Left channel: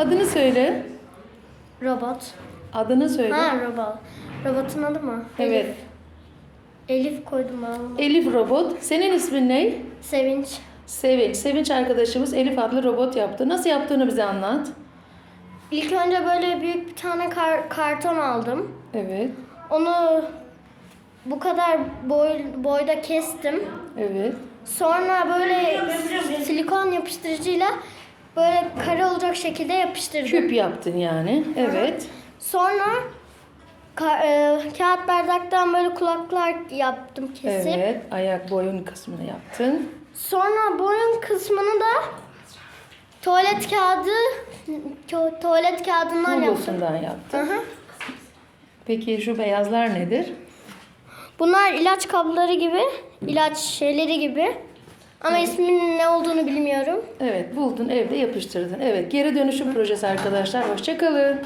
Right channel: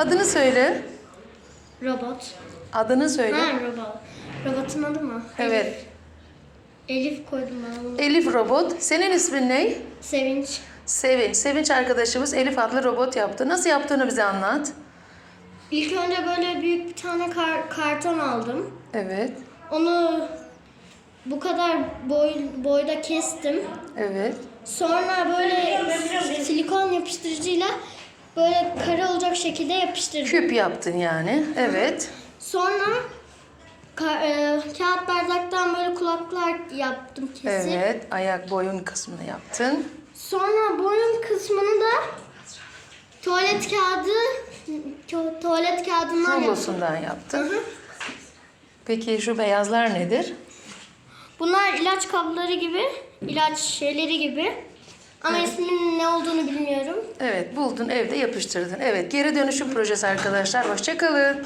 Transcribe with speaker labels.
Speaker 1: Adını söyle.
Speaker 2: Robot.
Speaker 1: Adını söyle.
Speaker 2: Ha robot. Robotun adı mı?
Speaker 1: Evet.
Speaker 2: Elif, Elif koydum ben.
Speaker 1: Elif robot. Senin ismin ne?
Speaker 2: Sevinç.
Speaker 1: Sevinç. Sevinç arkadaşımız Elif adlı robot yaptı. Nasıl yaptığını bize anlat.
Speaker 2: İlk önce böyle büyük bir tane kar- karton aldım.
Speaker 1: Evet.
Speaker 2: Onu bu kadar boy, boyda kestim.
Speaker 1: Evet.
Speaker 2: Sonra böyle silikon yapıştırıcıyla böyle kare olacak şekilde yapıştırdım.
Speaker 1: Küp yaptın yani. Evet.
Speaker 2: Sonra ka- e, kağıt bardaktan böyle kulaklar yaptım kesip.
Speaker 1: Evet. Ayak boyun kısmını yaptın.
Speaker 2: Sonra boyun kısmını da tuvalet kağıdı tu- tuvalet kağıdından yaptım.
Speaker 1: Rulosundan yaptın.
Speaker 2: hı.
Speaker 1: Peki şu beyazlar nedir?
Speaker 2: Bunlar ilaç kabloları gibi, ilaç şeyleri gibi. Ama isminin ne olduğunu.
Speaker 1: Evet buldun evde yapıştırdın. Evet geri dönüşüm projesi arkadaşlar. Hoşçakalın.